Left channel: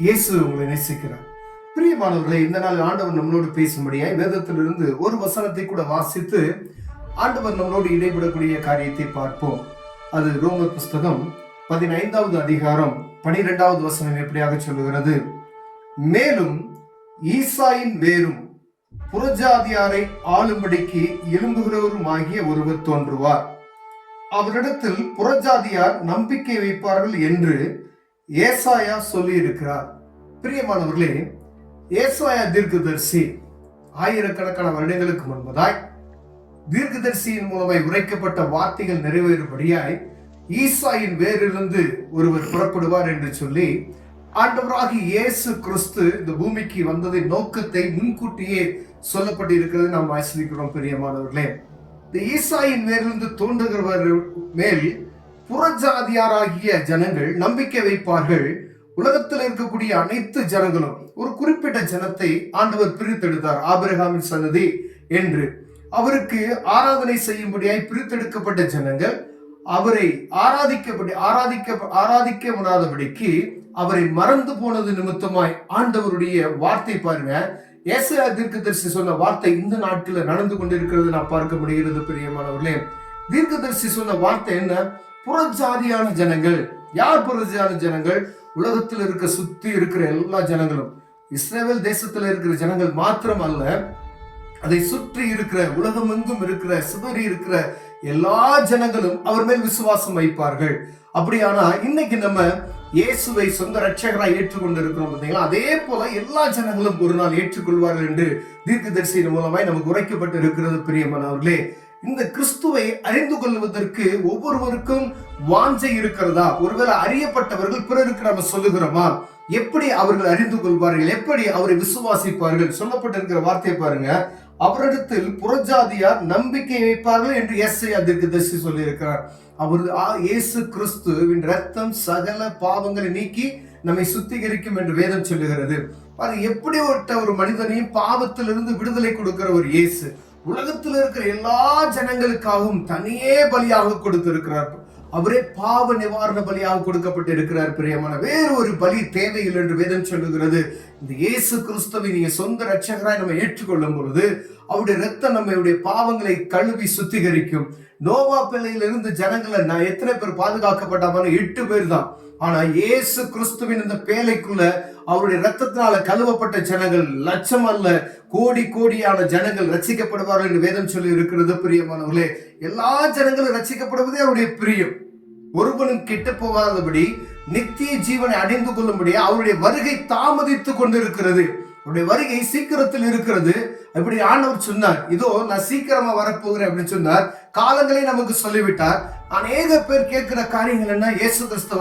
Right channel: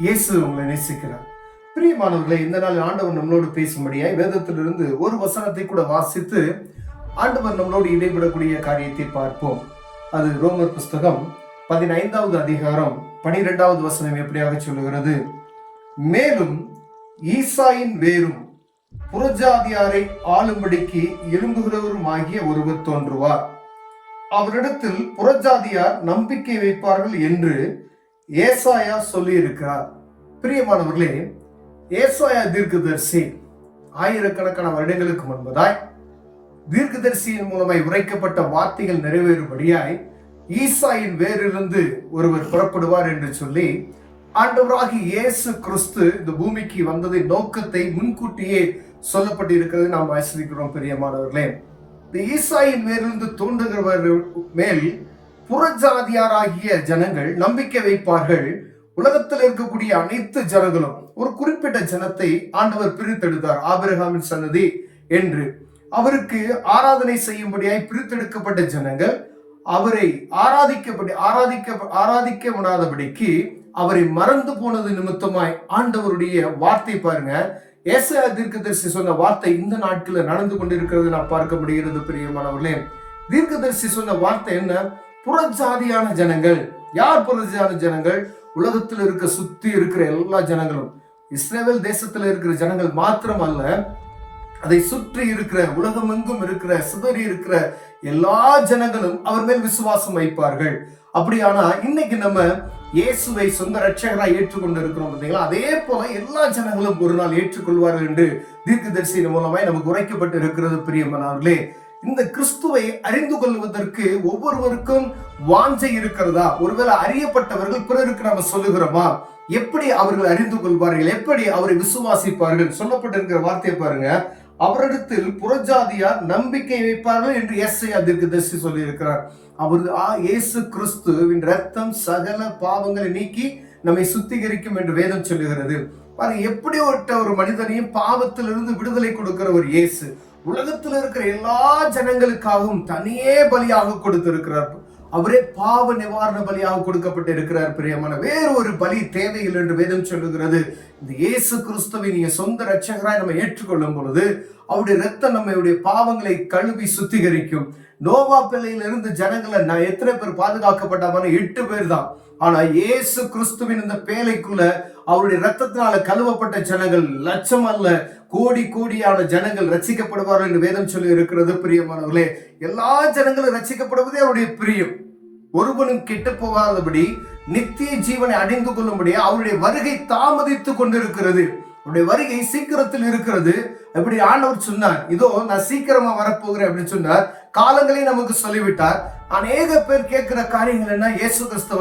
இயேசு உங்களை நேசிக்கிறார். பிரியமானவர்களே, இந்த நாள் ஆண்டவர் நம்மளோடு பேசும்படியாய் வேதத்திலிருந்து ஒரு வசனத்தை கூட வாசித்து ஆண்டவர் நம்மளோடு இடைபெறக்கூடிய காரியத்தை பார்ப்போம். அது ரோமர் புஸ்தகம் 15வது அதிகாரம் 12வது வசனம் எப்படியாக சொல்லுகிறது: மேலும் ஈசாயின் வேரும் புறஜாதியாரை ஆளும்படிக்கு எழும்புகிறவரும் ஆகிய ஒருவர் தோன்றுவார். அவரிடத்தில் புறஜாதியார் நம்பிக்கை வைப்பார்கள் என்று ஏசாயா சொல்லி இருக்கிறார். பிரியமானவர்களே, ஏசாயா தீர்க்கதரிசி ஆயிரக்கணக்கான வருடங்களுக்கு முன்பதாய் தீர்க்கதரிசியின் மூலமாய் உரைக்கப்பட்ட வார்த்தைகள் நிறைவேறும்படியாய் ஈசாயின் வேரிலிருந்து ஒருவர் புறப்படுவார் என்று சொல்லி ஆண்டவராகிய இயேசு கிறிஸ்து இந்த பூமிக்கு வந்ததின் நோக்கத்தை முன்கூட்டியே சொல்லப்பட்டு இருக்கிறது நாம் ஆசிரிக்கிறோம். பிரியமானவர்களே, இந்த ஈசாயின் மேலிருந்து தோன்றுகிறவர் மேல் புறஜாதியாராகிய ஜனங்கள் நம்பிக்கை வைப்பார்கள். உலகத்தில் இருக்கக்கூடிய அனைத்து ஜனங்களும், ஒரு குறிப்பிட்ட ஜனத்தை ஆண்டவர் பிரித்தெடுத்தார். ஆபிரகாமின் சந்ததி என்று அவருக்கு ஆராதனை செய்யும்படியாய் பிரித்தெடுக்கப்பட்ட ஜனங்கள் அவரை ஆராதிக்க விடாதபடிக்கு அவரை மறந்து போனது நிமித்தமாய் ஆண்டவருடைய வார்த்தை பாருங்க, ஏசாயா தீர்க்கதரிசி சொன்ன வார்த்தை இந்த நாட்களில் நடந்து கொண்டிருக்கிறது நான் பார்க்க முடிகிறது. பிரியமானவர்களே, தீர்க்கதரிசி சொன்ன வார்த்தை என்ன? புறஜாதியான ஜனங்கள். யார் புறஜாதியான ஜனங்கள்? உலகத்தில் இருக்க சுத்தி இருக்கிற எல்லா ஜனங்களும், இஸ்ரவேல் தேசத்தில் இருக்கிற ஜனங்கள் மாத்திரம் அல்ல, அதை சுற்றி இருக்கிற உலகம் எங்கும் இருக்கிற சிதறி இருக்கிற எல்லா ஜனங்களும் அவர் மேல் விசுவாசம் வைப்பார்கள். அப்படியானா இன்னைக்கு நம்ம இயேசுவை சொந்த ரட்சகராய் ஏற்றுக்கொண்டு இருக்கிறோம். அதே போல எல்லா ஜனங்களும் ஒரு நாள் ஏற்றுக்கொள்வார்கள் என்று தீர்க்கதரிசியின் மூலமாய் நமக்கு உரைக்கப்பட்டு இருக்கிறது. பிரியமானவர்களே, இந்த கிறிஸ்துவை அறிந்து கொள்வதற்கு ஒவ்வொருவருக்கும் வாஞ்சை இருக்கிறதா? ஒருவேளை அறியப்பட்டவர்கள் பிறருக்கு நாம சொல்லுகிறோமா? எப்படி அவர்கள் அறிந்து கொள்வார்கள்? எப்படி அவரை விசுவாசிப்பார்கள்? சொல்லப்பட்டிருக்கிற வார்த்தையை பாருங்க, அவரிடத்தில் புறஜாதியார் நம்பிக்கை வைப்பார்கள் என்று ஏசாயா தீர்க்கதரிசி சொல்லி இருக்கிறார். அவர் இயேசு கிறிஸ்துவின் ரத்தம் சகல பாவங்களை நீக்கி நம்மை சுத்திகரிக்கும் என்று வேதம் சொல்லுகிறது. எப்படி ஒரு மனிதனையும் பாவத்திலிருந்து விடுதலை கொடுக்கிற ஒரு இயேசு உலகத்தில் இருக்கிற எல்லா ஜனங்களுக்காகவும் தனியே பலியாக கொடுத்திருக்கிறார். அவரே பாவ நிவாரண பலியாக கொடுக்கப்பட்டு இருக்கிறார். பிரியமான, வேறு ஒரு பலி தேவையில்லை என்று வேதம் சொல்லுகிறது. இந்த இயேசு கிறிஸ்துவை நீங்க சொந்த ரட்சகராய் நம்ம ஏற்றுக்கொள்ளும் பொழுது அவருடைய ரத்தம் நம்மளுடைய பாவங்களை கழுவி சுத்திகரிக்கும். நோவா பிள்ளையிலிருந்து ஜனங்களை எத்தனை பேர் பாதுகாக்கப்பட்டாங்க? 8 பேர் தான். ஆனா இயேசு கிறிஸ்துவின் இந்த பேழைக்குள்ள அவருடைய ரத்தத்தினால கழுவப்பட்ட ஜனங்கள் லட்சம் அல்ல, கோடி கோடியான ஜனங்கள் ரட்சிக்கப்படுவார்கள் என்று வேதம் சொல்லி இருக்கிறது. பிரியமானவர்களே, எல்லா ஜனங்களும் ரட்சிக்கப்படுவதே அவருடைய பிரியம். ஒருவனும் கிட்ட போகாதபடி நித்திய ஜீவனை அடைந்து கொள்ளும்படி அவருடைய வருகை தாமதித்துக் கொண்டிருக்கிறது. அவருடைய வருகை சீக்கிரத்தில் இருக்கிறது. அப்படி ஆண்டவர் சொன்னார், இதோ நான் சீக்கிரமா வரப்போகிறேன் அப்படின்னு சொன்னார். காலங்களை நமக்கு சொல்லிவிட்டார். அநேக பேர் கேட்கிற காரியங்கள் என்ன? இயேசு கிறிஸ்து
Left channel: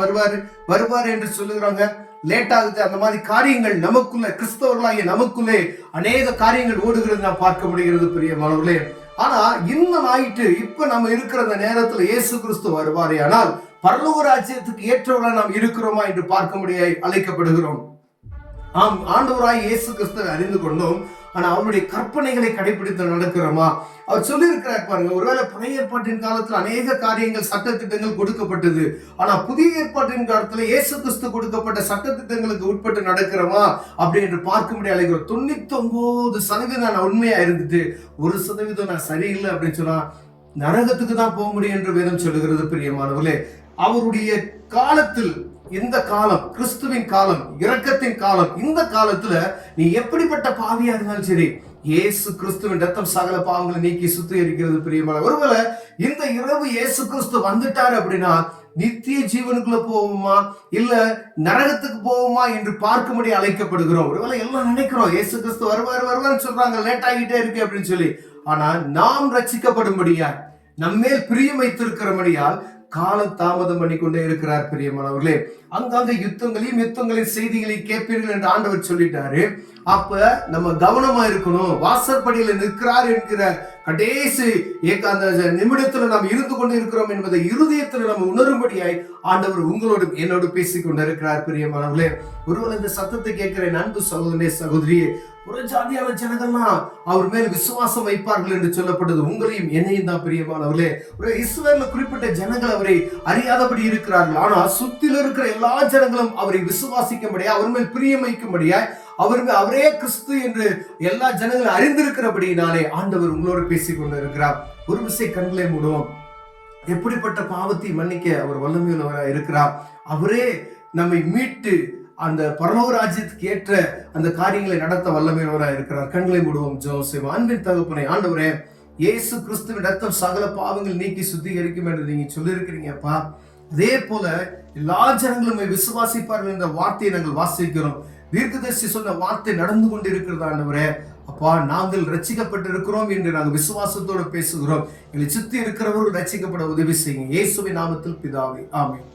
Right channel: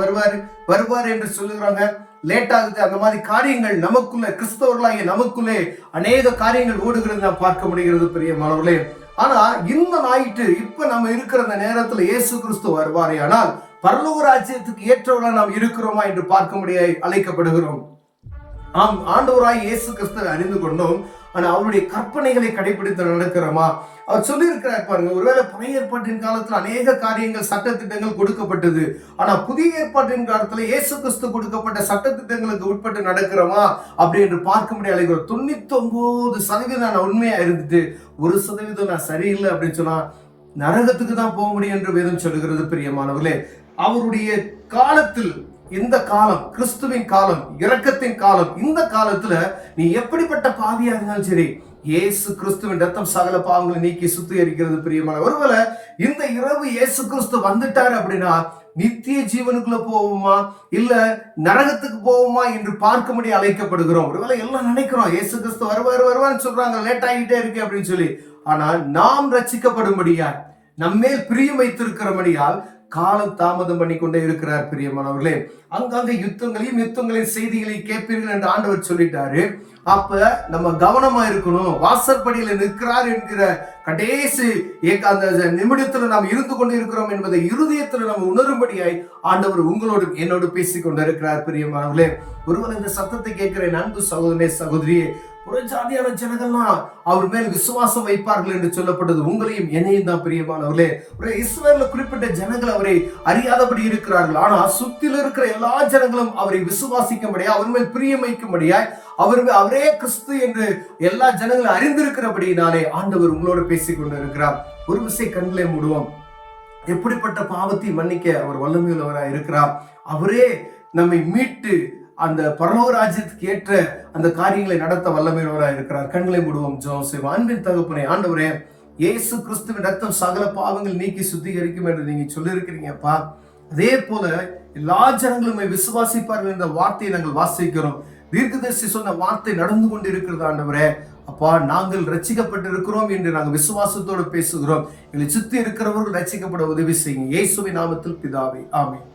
வருவார் என்று சொல்லுகிறாங்க, லேட் ஆகுது. அந்த மாதிரி காரியங்கள் நமக்குள்ள, கிறிஸ்தவர்களாகிய நமக்குள்ளே அநேக காரியங்கள் ஓடுகிறது நாம் பார்க்க முடிகிறது. பிரியமானவர்களே, ஆனா இந்த நாயிட்டு இப்ப நம்ம இருக்கிற அந்த நேரத்துல இயேசு கிறிஸ்து வருவாரே, ஆனால் பரலோக ராஜ்யத்துக்கு ஏற்றவர்களா நாம் இருக்கிறோமா என்று பார்க்க முடியாது அழைக்கப்படுகிறோம். ஆம், ஆண்டவராய் இயேசு கிறிஸ்துவை அறிந்து கொண்டோம். ஆனா அவருடைய கற்பனைகளை கடைபிடித்து நடக்கிறோமா? அவர் சொல்லி இருக்கிறார் பாருங்க, ஒருவேளை பழைய ஏற்பாட்டின் காலத்துல அநேக காரியங்கள் சட்டத்திட்டங்கள் கொடுக்கப்பட்டது. ஆனா புதிய ஏற்பாட்டின் காலத்துல இயேசு கிறிஸ்து கொடுக்கப்பட்ட சட்டத்திட்டங்களுக்கு உட்பட்டு நடக்கிறோமா அப்படி என்று பார்க்க முடியாது. 99% நான் உண்மையா இருந்துட்டு 1% நான் சரியில்லை அப்படின்னு சொன்னா நரகத்துக்கு தான் போக முடியும் என்று வேதம் சொல்லுகிறது. பிரியமானவர்களே, அவருடைய காலத்தில், இந்த காலம் கிறிஸ்துவின் காலம், இரக்கத்தின் காலம், இந்த காலத்துல நீ எப்படிப்பட்ட பாவியா இருந்தாலும் சரி, இயேசு கிறிஸ்துவின் ரத்தம் சகல பாவங்களை நீக்கி சுத்திகரிக்கிறது. பிரியமான, ஒருவேளை இந்த இரவு இயேசு கிறிஸ்து வந்துட்டாரு அப்படின்னா நித்திய ஜீவனுக்குள்ள போவோமா இல்ல நரகத்துக்கு போவோமா என்று பார்க்க முடிய அழைக்கப்படுகிறோம். ஒருவேளை எல்லாம் நினைக்கிறோம் இயேசு கிறிஸ்து வருவான்னு சொல்றாங்க, லேட் ஆகிட்டே இருக்கு அப்படின்னு சொல்லி. ஆனா நாம் ரட்சிக்கப்படும்படியா, நம்மேல் பிரியம் வைத்திருக்கிறபடியால் காலம் தாமதம் பண்ணி கொண்டே இருக்கிறார். பிரியமானவர்களே, அங்காங்க யுத்தங்களின் செய்திகளை கேட்பீர்கள் என்று ஆண்டவர் சொல்லிட்டாரு. அப்ப நம்ம கவனமா இருக்கணும். வாசற்படியில நிற்கிறார் என்கிற கடைசி அந்த நிமிடத்துல நாம் இருந்து கொண்டு இருக்கிறோம் என்பதை இருதயத்துல நம்ம உணரும்படியாய் ஆண்டவர் உங்களோடு என்னோடு பேசிக் கொண்டிருக்கிறார். பிரியமானவர்களே, ஒருவர் இந்த சத்தத்தை கேட்கிற அன்பு சகோதரனே, சகோதரியே, புறஜாதியான ஜனங்கள்லாம் அவர் மேல் விசுவாசம் வைப்பார்கள் என்று சொல்லப்பட்டது. உங்களையும் என்னையும் தான் பிரியமானவர்களே. இஸ்ரவேல்ல குறிப்பிட்ட ஜனங்கள் அவரை அறியாதபடி இருக்கிறார்கள். ஆனா சுத்தில இருக்கிற எல்லா ஜனங்களும் அவரை விசுவாசிக்கும்படியா, அவர் மேல் பிரியம் வைக்கும்படியா, அவரே கிறிஸ்து என்று எல்லா ஜனங்களும் அறிந்திருக்கிறபடியினாலே ஆண்டவர் உங்களோட பேசிக் கொண்டிருக்கிறார். ஒரு விசை கண்களை மூடுவோம். எப்படிப்பட்ட பாவத்தை மன்னிக்க அவர் வல்லமையுள்ளவராக இருக்கிறார். அவரே நம்மை மீட்டு அந்த பரலோக ராஜ்யத்துக்கு ஏற்ற அந்த காரியங்களை நடத்த வல்லமையுள்ளவராக இருக்கிறார். கண்களை மூடுவோம், ஜெபம் செய்வோம். அன்பின் தகப்பனே, ஆண்டவரே, இயேசு கிறிஸ்துவின் ரத்தம் சகல பாவங்கள் நீக்கி சுத்திகரிக்கும் என்று நீங்க சொல்லியிருக்கிறீங்கப்பா. அதே போல எல்லா ஜனங்களும் விசுவாசிப்பார்கள் என்ற வார்த்தையை நாங்கள் வாசிக்கிறோம். தீர்க்கதரிசி சொன்ன வார்த்தை நடந்து கொண்டிருக்கிறது ஆண்டவரே. அப்பா, நாங்கள் ரட்சிக்கப்பட்டு இருக்கிறோம் என்று நாங்கள் விசுவாசத்தோடு பேசுகிறோம். எங்களை சுத்தி இருக்கிறவர்கள் ரட்சிக்கப்பட உதவி செய்யுங்க. இயேசுவின் நாமத்தில் பிதாவே, ஆமென்.